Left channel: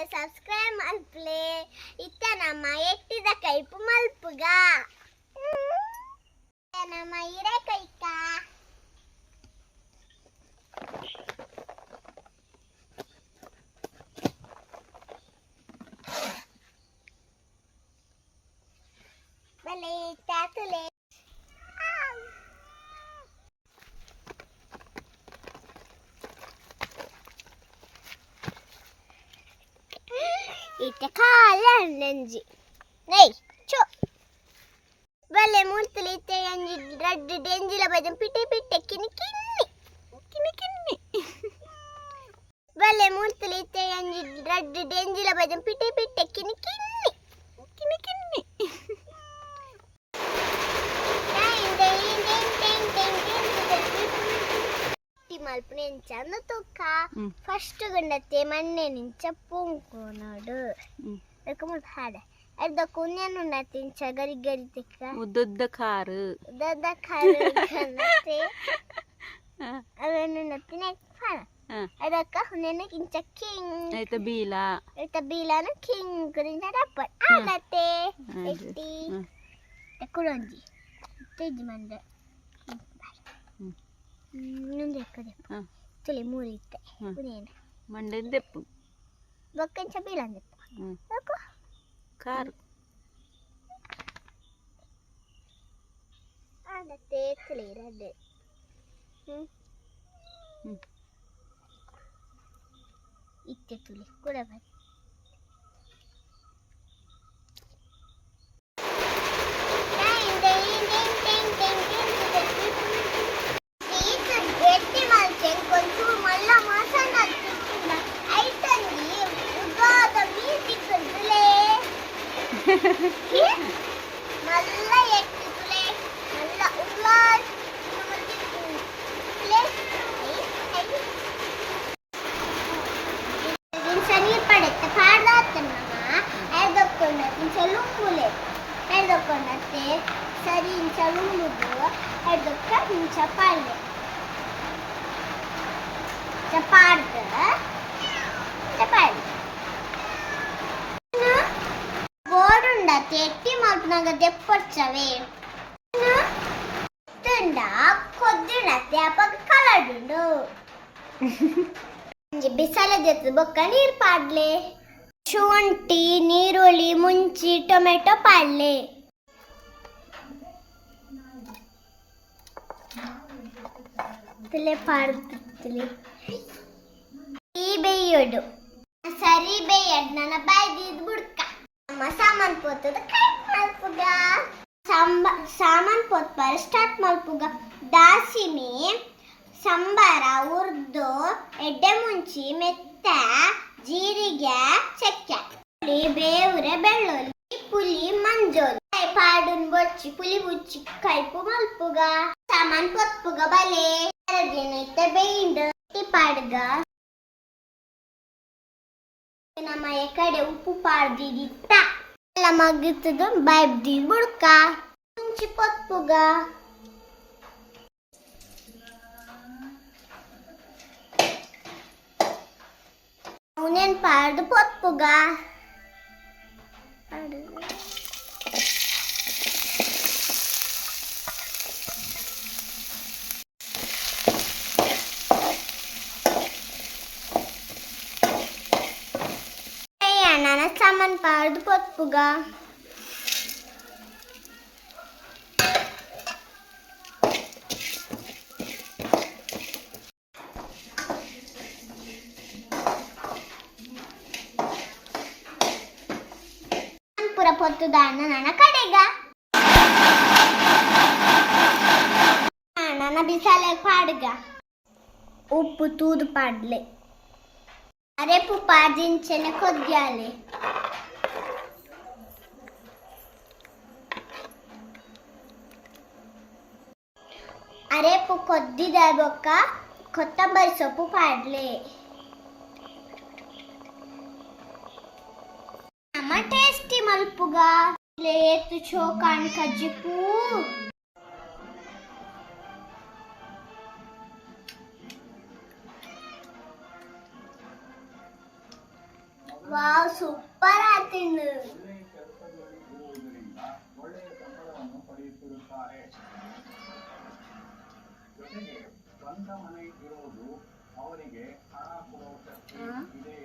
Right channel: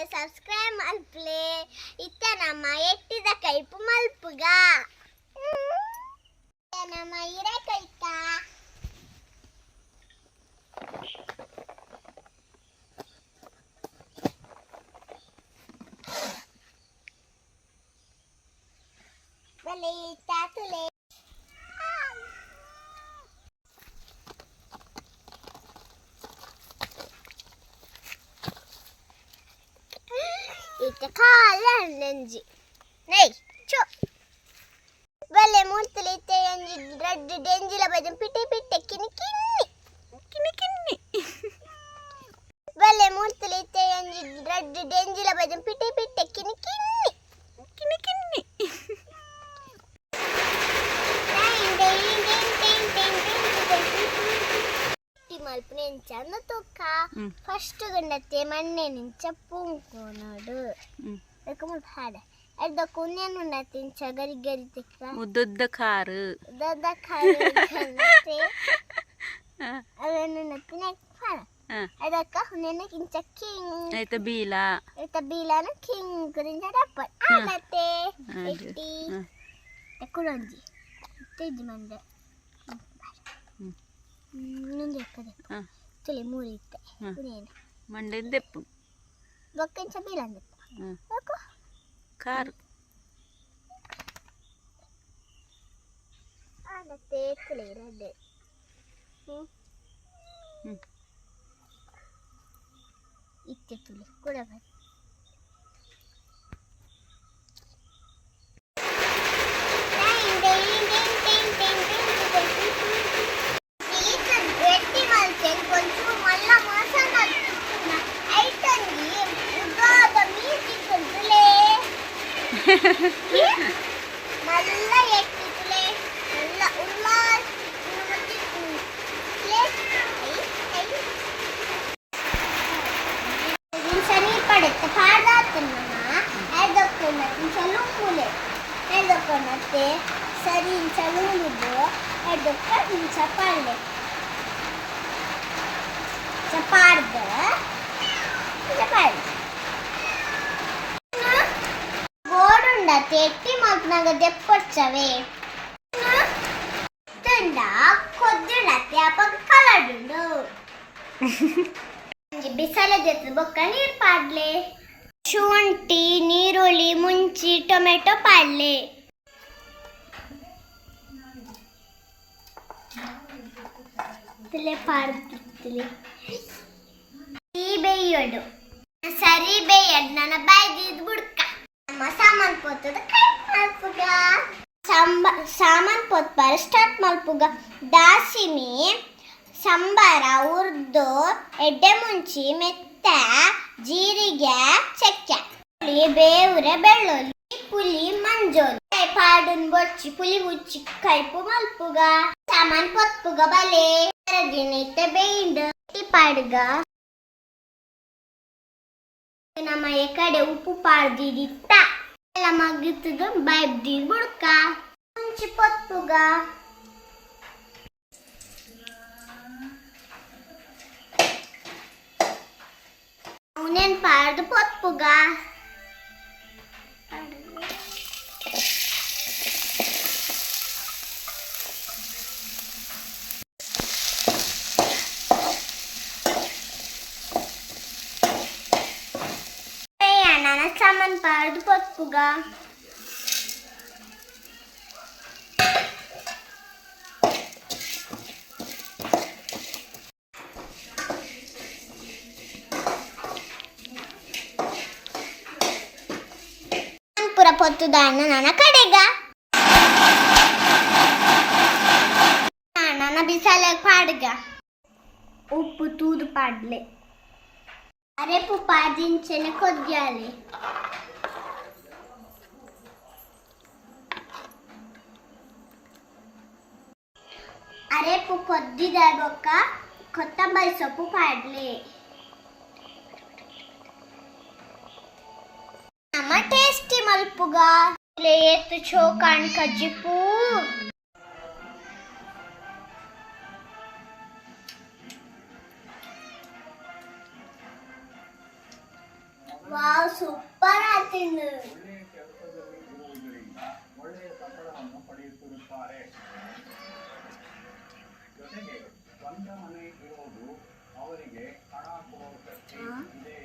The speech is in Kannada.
ಮಲ್ಪಲೆ ಸಬ್ಸ್ಕ್ರೈಬ್ ಮಲ್ಪಲೆ ಇತ್ತ ನಮ್ಮ ಎಟ್ಟಿದ ಕೈಪು ಮಲ್ಪುಗ ನಮ್ಮ ಹಿರೇಕೈಕ ಬಲೆ ತಾತುಲೆ Ite kala nenji. Nei, cho. Bale multulite enji reddu denjila bajam pitte pitte kini kini. Kini kini. Bale multulite enji reddu denjila bajam pitte pitte kini kini. Kini kini. మల్పుని ఎంచన్న తొక్క ఫస్ట్ గండతే మన్నే నించ పూంకోనాడు ఎకముల్ ఫాడ ఎద్ద కున్యను నతించ గరి గరి తిక్క ఉద్దుద్ద కారు గన్నతే అవెను నతిన ఫాడ ಅದಕ್ಕ ಹುನ್ನೆನ ಕಿಂಚ ಕಿಂಗ್ ಐತ ಬೀಲಾನ ಕಿಂಗ್ ಗುರಿಂದ ಡಪ್ಪಟ್ ಆಗತ್ತೆ ಎಟ್ಟಿ ಎಕ್ಕುಳಂಜಿ ತೆಜ್ಜಿ ಮಂಡ ಇನ್ನೊಂದು ಎಕ್ಕದೆ ತುಳಿ ಮೂರು ಇತ್ತೆ ಕುನೇನು ಮಂಡೆ ದೆಪ್ಪು ಬೊಕ್ಕಂಚ ಬೀಲಂದೆಪ್ಪ ಯಾಕೋ ಕಾರು ಆಗತ್ತೆ ತುಳಿ ರಡ್ಡೆ ಇತ್ತೆ ತುಳಿ ಕೂಡ ಬೈ మళ్ళా ఎక్కిట్లే మళ్ళా ఉల్లాస్ శని పడెత్త పాడతానమ్మా ఐదొక్కన చలుకులే ఐదొక్కనతే సరి చలుకులు ఐదొక్క చపాలే చపార్ద చపాలి ఎట్టి మాకు దెప్పొచ్చవే కొద్దిడತ್ತೆ ಅಪ್ಪ ಕಲಡುಂಡು ಬಿಸಾಲ ಜೊತೆ ಬೊಕ್ಕ ನೀರು ಪಾಡ್ಲೆ ಶುಂಠಿ ನೀರುಳ್ಳಿ ಮುಂಚಿ ಟೊಮೆಟೊ ಪಾಡ್ಲೆ ಪಾಡ್ತಿರ್ತೀವಿ ಈ ಬೇಯೋಡು ಸರಿ ಬೇಯಡ್ ನನ್ನ ಬಾಯ್ದಿದ್ ಬುಡ್ಕ ಸಾಮಾನ್ ಪೋತದ ಕೈ ಮಲ್ಪುಗ ಸಾಮಾನ್ ಪೋತ್ಪಾರ ಸ್ಟಾರ್ಟ್ ಮಲ್ಪುಗ ದಾಸಿಮಿ ಸಂಬಾರ ಉರ್ದು ಎಡ್ಡೆ ಮುಂಚಿ ಮೆತ್ತ ಜೀರಿಗೆ ಚಕ್ಕೆ ಬೇವುರೆ ಬೆಳ್ಳುಳ್ಳಿ ಪುಲಿ ಮಂಜೋಲಿ ಕೈ ಪಾಡುನ್ ಬೊಚ್ಚಿ ಪುಲಿ ಬುಚ್ಚಿ ಕೈಪು ಮಲ್ಪುಗ ಸಾಮಾನ್ ಪೊತ್ಪುಗ ಬಲೆ ದಿನಿತ ಬೇಯಿಂಡು ಪಾಡ್ಗ ನಮ್ಮ ಕಡೆ ಉಪ್ಪು ಪಾಡ್ದಿತ್ತ ಎಲ್ಲ ಮಗ್ಗಿತ್ತದು ಬೈಬ್ದಿ ಬುಡ್ಕ ಮುಂಚಿ ಪೊತ್ಪುಗ ಅವನೇನ್ ಪಾಡ್ದು ಪೊತ್ಪುಗ ಸಾಮಾನ್ ಪಾಡ್ದು ಪೊತ್ಪುಗ ಪುರ ಪೊತ್ತುದಾನ ನನ್ನ ಕಡೆಗ ನನ್ನ ಬಿಸಾಲ ಪಾಡ್ಗ ಉಪ್ಪು ತೂದು ಪಾಡ್ಲೆ ಅರೆಪು ಪಾದಿಂಚನ ಕೊದ್ಯಾಲೆ ಅರೆಪು ಕೊದ್ದಿದ ಬೊಕ್ಕ ಕೊತ್ತಂಬರಿ ಸೊಪ್ಪು ಪಾಡ್ಲೆ ನಮ್ಮ ಟೇಸ್ಟಿ ಮಲ್ಪುಗ ಏತು ಚೋಕಾಣ್ ಕಜ್ಜಿಪು ವಾವ್ ಸೂಪರ್ ಆತಿಂದು ಜೊತೆಗೆ ಸ್ವಂತ ಮನೆ ಇರೋದು ಅವರಿಗೆ ಹಣ ಕೊಡೋ ಶಕ್ತಿ ಇದೆ